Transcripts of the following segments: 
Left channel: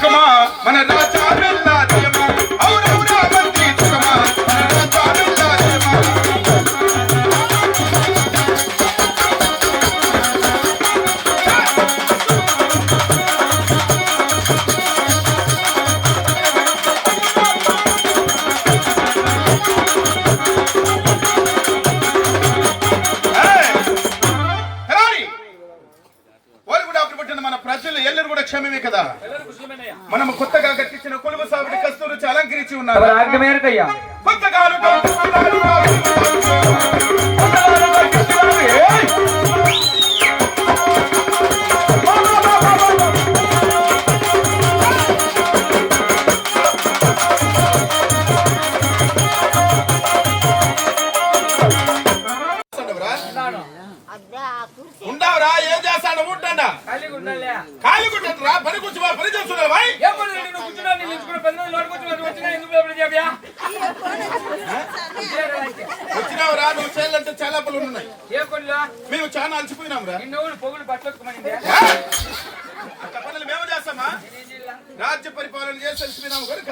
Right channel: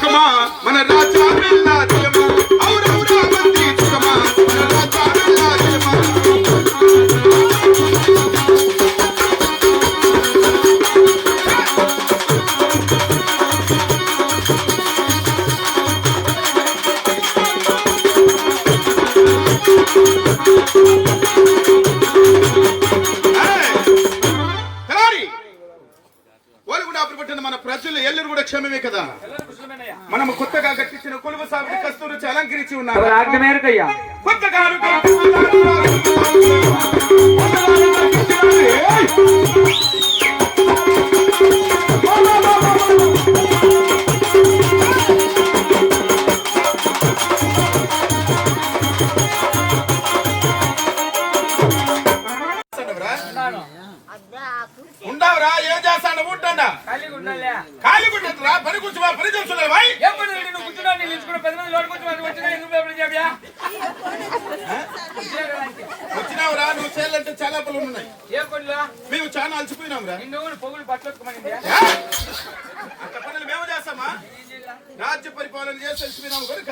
సుఖమా మన రాజా వెళ్ళాదేమో ఔరౌరా మంత్రి సుఖమా మన రాజా వెళ్ళాదేమో మన ప్రజలు ఎల్లరు కూడా క్షేమమే కదా. మనం కొత్తగా కట్టించిన కొలువు సాగుడి కస్తూరు అలంకరించి ఉన్నారు. కొత్తగా ఉండవరా ఏం చేస్తాను ఉంటండా ఖాళీగుంటరా పని కూర్చోవా పని చేస్తున్నావా వచ్చినావురా నువ్వు చేయాలంటే చాలా పనులు ఉన్నాయి. మేము చాలా అలసిపోయినాంరా. అక్క పనులు మేము చేస్తామా రాజ్య పరిపాలన చేసి అలసిపోయినాము కనుక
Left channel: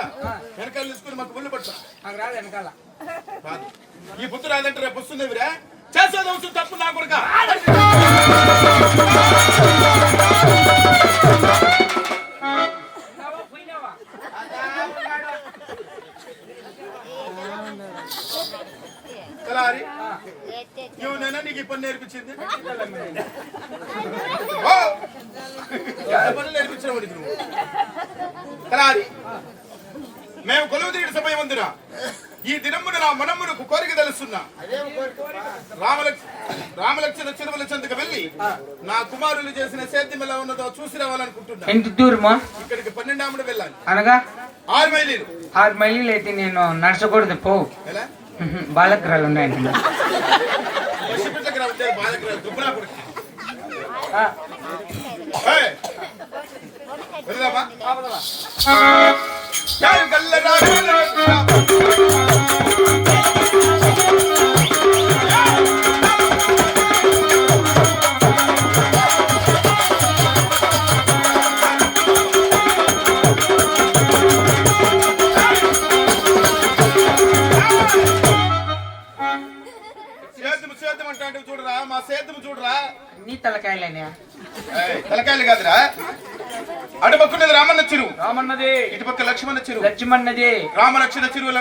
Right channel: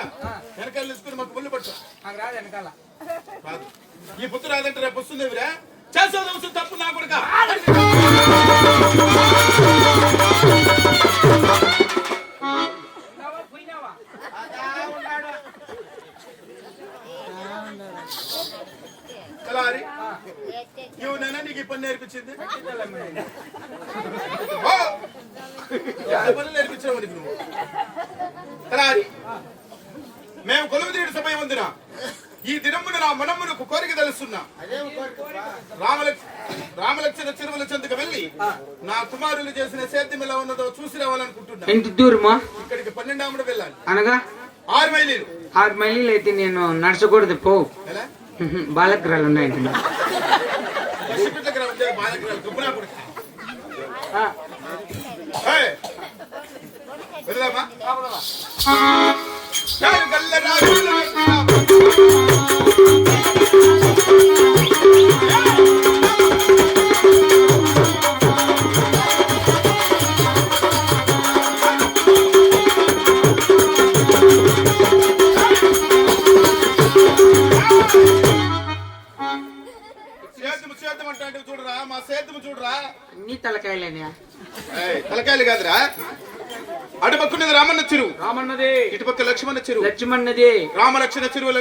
వెనకాల తీసుకుని మాకు బుల్లు పట్టు ఈ బుద్ధి రాదంటే రేపు వస్తుందేవిరా చేసేది అవసరం తప్పు నా కొడుక. ఇవనైనా నీకు ఈ పని నేర్పించింది పనులు నేర్పించావు నీకు నువ్వు కలారి. మేము కొలువు తీయడం సమయం ఉందిరా. ఈ దినమున నా మనమ్మునకు కోరిక తెలుస్తున్నా. రామలక్ష్మణ చెరువుల చెందుకు వెళ్లి నా కుమారులు చేసిన సేద్యం ఎలా ఉన్నదో చూసి రావాలనుకుంటున్నా. ఎంత దూరమా? ఇక్కడికి 12 వెళ్ళాలి. అనగా 6 మైళ్ళు. 6 మైళ్ళు అయితే నేను నడచకూడదు. పో ఎలా బాలగ్రహాలు ఉన్నాయి. బాలగ్రహాలు గొప్పనా కూడా వెళ్దామా? సేద్యం అంటే చూడరా మా సేద్యం చూడరా. నీ తలకాయలేనా? తలకాయలు కాదురా. అటుపక్కనేది రామన్న చెరువు రామన్నది, ఇటుపక్క లక్ష్మణ చెరువు లక్ష్మణది. రామలక్ష్మణ చెరువులు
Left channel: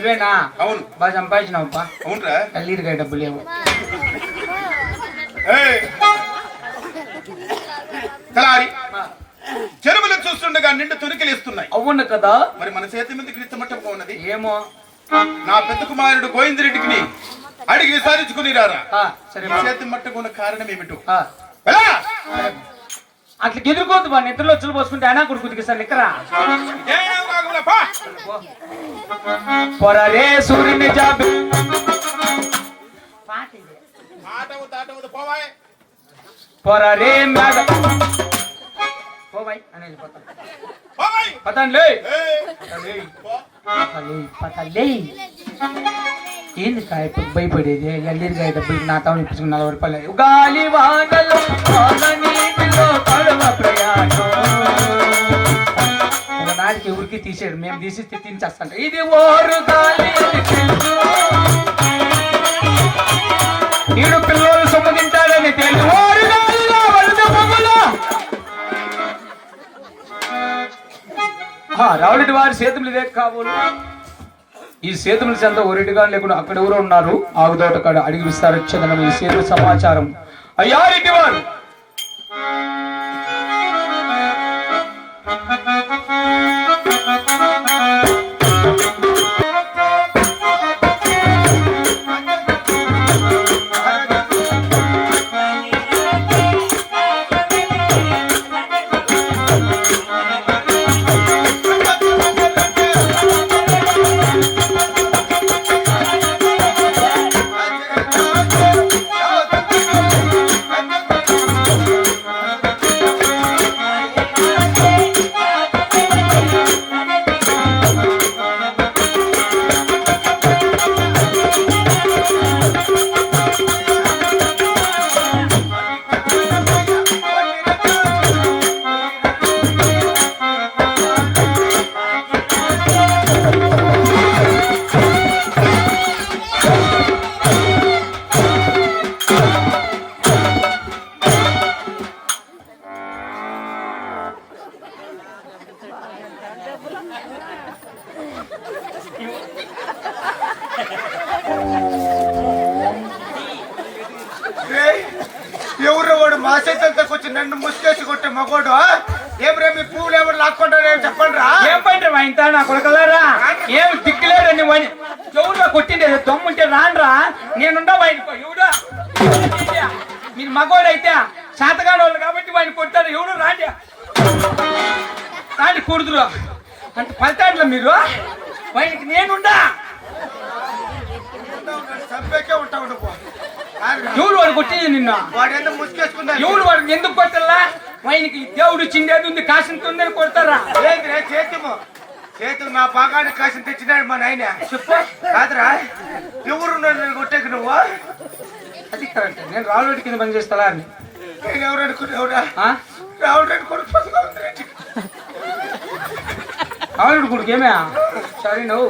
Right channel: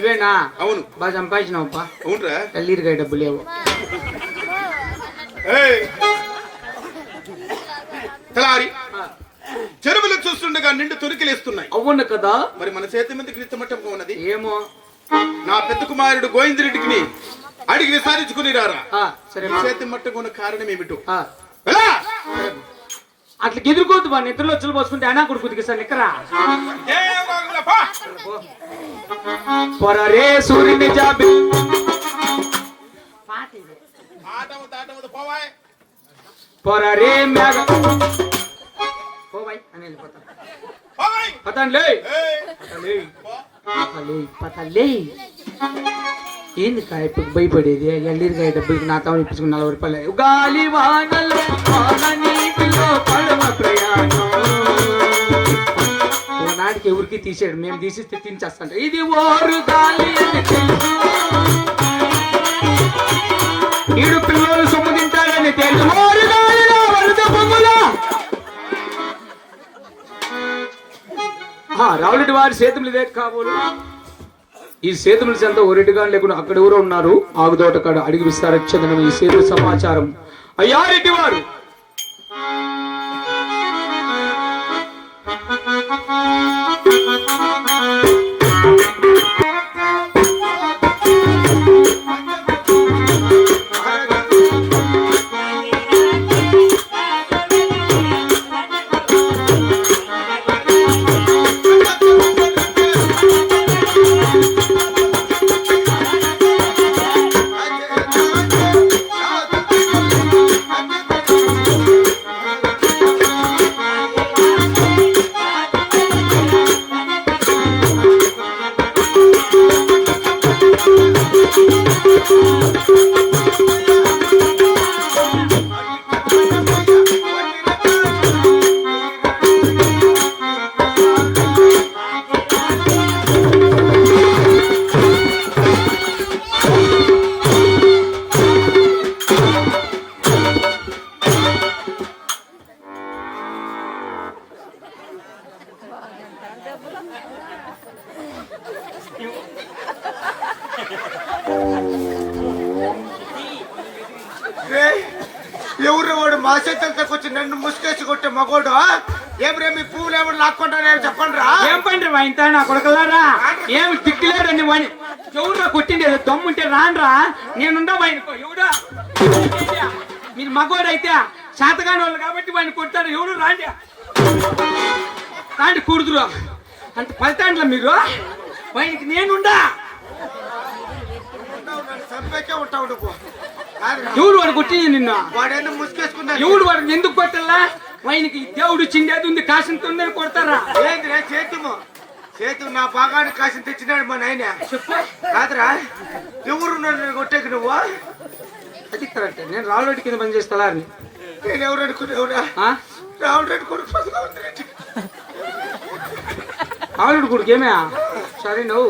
ఇవేనా? అవును. బాగా సంపాదించినావుపా. అవునరా. కల్లీరుగా డబ్బు లేవు. కలారి చెరువులు చూస్తుండగా నిండు తురికిలేస్తున్నాయి. అవును కదా. మరి మన చేతి మీద క్రీస్తమట్టంగా ఉన్నది. ఏమో నా పెద్ద కుమారుడు గోవిందరెడ్డికి అడిగి విసారించుకుని రారా. సరే చేతి మట్టకు ఉన్న కారణం ఏమిటో అట్లా ఎదుర్కోవద్దు. మా నిద్రలో వచ్చులు పోసుకుంటే అయినా కొడుకుదికి సార్ నిక్కరా పొరరే సూర్యుని జాబి పొరరే మేఘ పోవాయి అని పతంలే పతలే. ఏంది కాయపు భయపడేది? ఎల్లిరికాయ డబ్బులకి నా తాము ఇప్పించుకున్న 40 రూపాయలు. గాలి వానలో నాటికి ఎవరికి తీసాడు, మేము తీసిస్తే తినిచేస్తాం. ఇది ఓరు గాలి ఈడు పిల్లలు సొమ్ము తింటాడని తెలుసు. ఓరు గాలిలో వలస బొమ్మలో రావులటి వారి సేతులు ఇదే కాబోలు. ఈ సేతుల చెంత ఒరిటిగా లేకుండా అక్కడ ఎవరో ఉన్నారు. ఆగుదోట కాడ అడిగి విస్తారించదనం ఈ సేతు సమాచారం. అయ్యా రెడ్డి వారు ఎవరు వాడు మా చేతులతో వచ్చి నన్ను ముసుకేసి కొట్టే మగోడు ఏమిరా మీ పువ్వులు ఎవరు లాక్కుంటారని చెప్పండి రా. ఏం పండ్రి వాయింతా నా కొడకలారా ఏమి దిక్కులేదని ఎవరురా కొట్టింది దమ్ముంటే రానరా నేనుండా వాయిని ఎవడా మీరు మగోడు అయితే శాతగాని వాళ్ళు కాబట్టి వాడిని కొట్టారు ఎవడు రాండి రాండి కూడుదురు అంత ఫలితాంట్లా మీరు వాడికి నేనుండా చంపేకే ఉంటావు నువ్వు. ఎవడు వాడు కొట్టింది నిన్న వాడేదో ముసుకేసుకున్నా ఎవడు వాడికి ఎందుకు కొట్టాలా వానికి దేవుడు చిండేది ఉంది కాసింతుంది కొడతారా ఏంది చేతు నా భాగాన్ని కాసిన తెచ్చినాడు మా నాయన. చెప్పు కాదురా ఎవరు నన్ను కొట్టేకి నువ్వు? అది కరెక్ట్ నేను రాళ్ళోటి కింద పని చేస్తా నేను ఎవరు అనుకునేవురా? రావుడు అనుకుని ఆవిడ కొడుకు ఏమే సరే నువ్వు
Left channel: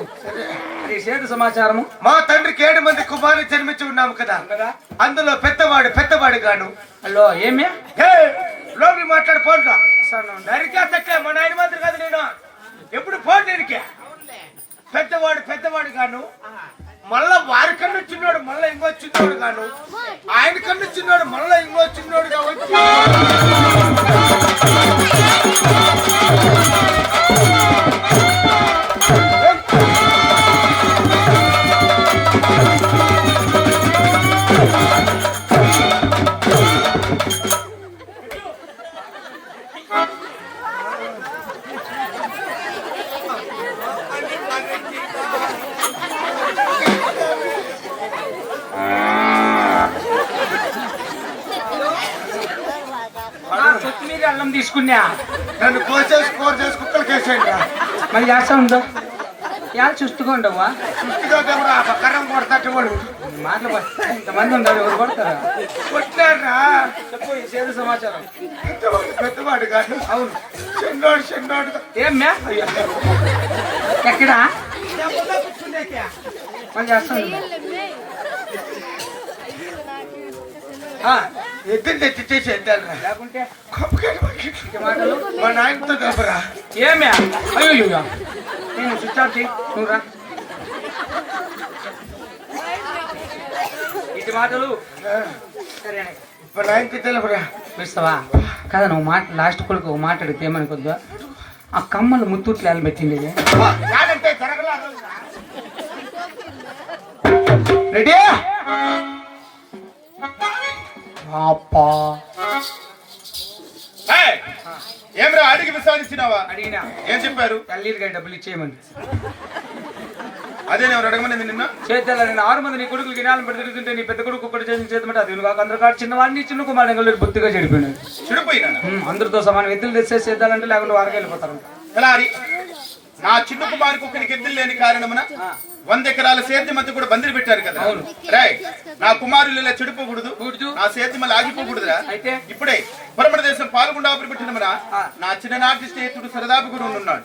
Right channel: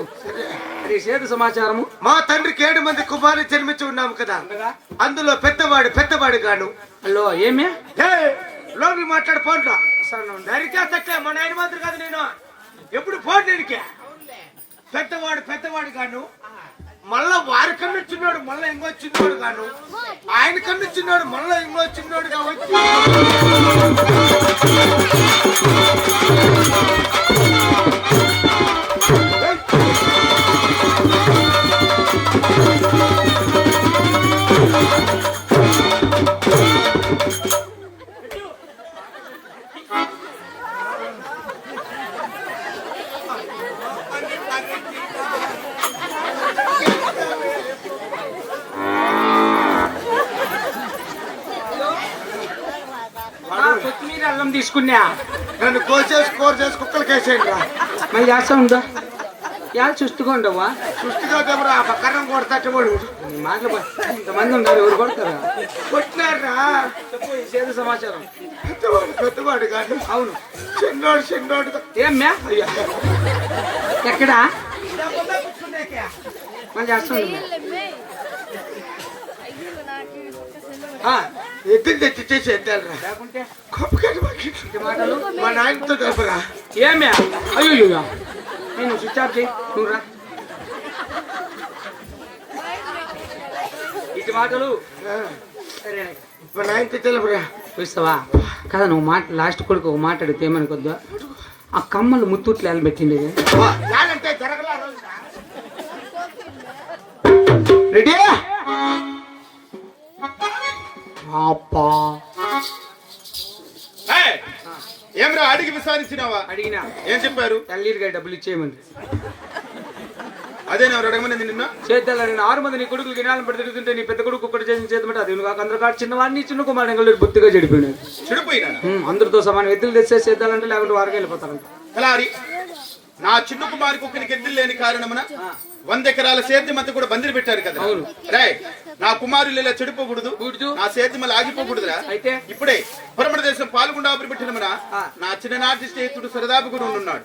సేతు సమాచారము మా తండ్రికి 7 మంది కుమారులు జన్మించి ఉన్నాము కదా, అందులో పెద్దవాడు గాను. హలో ఏమే లోకి మాట్లాడు పోండ్రా దరిచేస్తలే మా నాయన మాత్రం కదా నేను ఎప్పుడు పోను దీనికి. పెద్దవాడు గాను, మళ్ళా వారి కన్ను చిన్నోడు మళ్ళా ఇంకో చిన్నోడు గాను, ఆయన కన్ను చిన్నోడు మళ్ళా ఇంకో చిన్నోడుగా వచ్చి కొత్తిమీర అల్లం తీసుకున్నా నన్ను కోసేసి కుక్కలకి వేసేయండి. మరి చేస్తా ఉండవు యా చూస్తుండవా సుష్టిగా కర్రం కొడతాడు వాడు. మాటలు ఇంతమంది ఉన్నారు ఎవరు కొడతారా కొట్టారా? చెప్పు ఈ సేతు సమాచారం. పెద్దవాడు కాదు, అవును చిన్నోడు ఏం మ్యా ఎక్కడా మళ్ళీ చేస్తాను ఎద్దులు తెచ్చి చేసి ఎద్దాలరా లేకుంటే మాటలు మా నాయనతో చెప్పరా. ఏమ్యా అయ్యో నేను స్విచ్ ఆఫ్ చేయి నువ్వు రా ఇటు మాటలు సరే మా నాయనకి తెలుపురా. చూస్తావా కదా నువ్వు లాస్ట్ కొడుకు ఒక మాట అడిగితే ఏమని కొద్దిగా ఆ కమ్మలు ముత్తూట్లు ఎలా పెట్టింది రెడీ ఏమరా అడిగి విచారించినావా? అడిగినా ఏం చెప్పారు? తల్లిగా డబ్బులు ఇచ్చేయమని. అదే ఎవరు అడగమని నిన్న చేద్దాలని 6 మంది నీ కొడుకులు గినాలను పెట్టి తిరుగుతుంటే నీ పెద్ద కొడుకు ఒక్కటి చేద్దామంటే అది కాక అందరూ కాదు చిన్నవాడిని చిన్న కుమారుడు బొత్తిగా చెడిపోయినాడు. చెడిపోయినా అందరితో సమానం ఎద్దులు తెచ్చే చేద్దాలంటే లేకుంటే వారికి వెళ్ళిపోతారంట. అలా నా చిన్న కుమారికి ఒకరికి ఎద్దులు లేని కారణమున 100 ఎకరాల సేద్యమంతా కూడా బందిరి పెట్టారు కదా. రాయ్ నా కుమారులు ఇలా చెడిపోకూడదు, నా సేద్యం ఆగిపోకూడదురా. అయితే ఇప్పుడే పరమడ దేశం పాల్గొండాపురి పెట్టినమన నా చిన్ననాటి స్నేహితుడు సరదాపు కూడా ఉన్నాడు.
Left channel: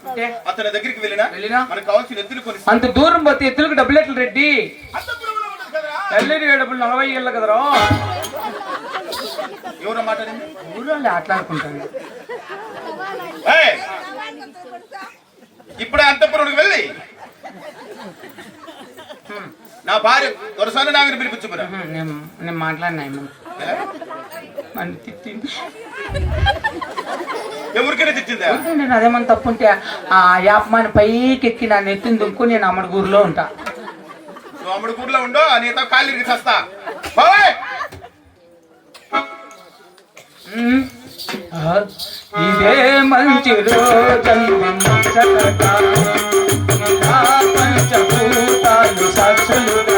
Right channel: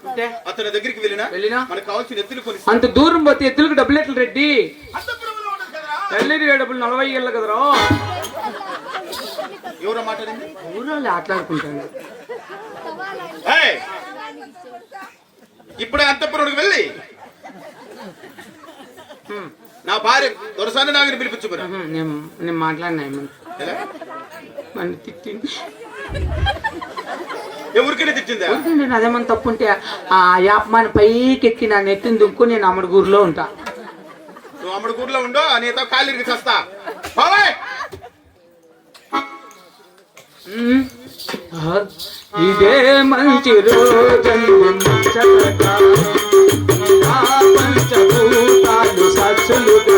అతని దగ్గరికి వెళ్ళినా మనకు కావాల్సిన ఎద్దులు కొని. అంత దూరం పోతే ఎద్దులకు డబ్బులు ఎట్లా రెడ్డి? తల్లిగా డబ్బులు 40 ఏళ్ళ కదరా. ఎవరో మాట్లాడింది ఊళ్ళో ఆటలాడుకుంటాను. ఇప్పుడే అంతఃపురుడికి వెళ్ళి నా భార్య దొరసాని నాగని పిలిపించుకురా. నేను మాట్లాడినా మన తిట్టింది ఎవరికైనా తిట్టిందా? నేను అదేమన్నా తప్పుంటే ఆ యాపమాని పైకి ఎక్కి నా నెత్తిని దుక్కు నేను అమ్మడిగూరులో ఉంటా. నువ్వు అమ్మడిగూరులో ఉండో నీతో ఖాళీకి చస్తా. ఇదే మంచి రోజు పంచభూతాలు సాక్షులు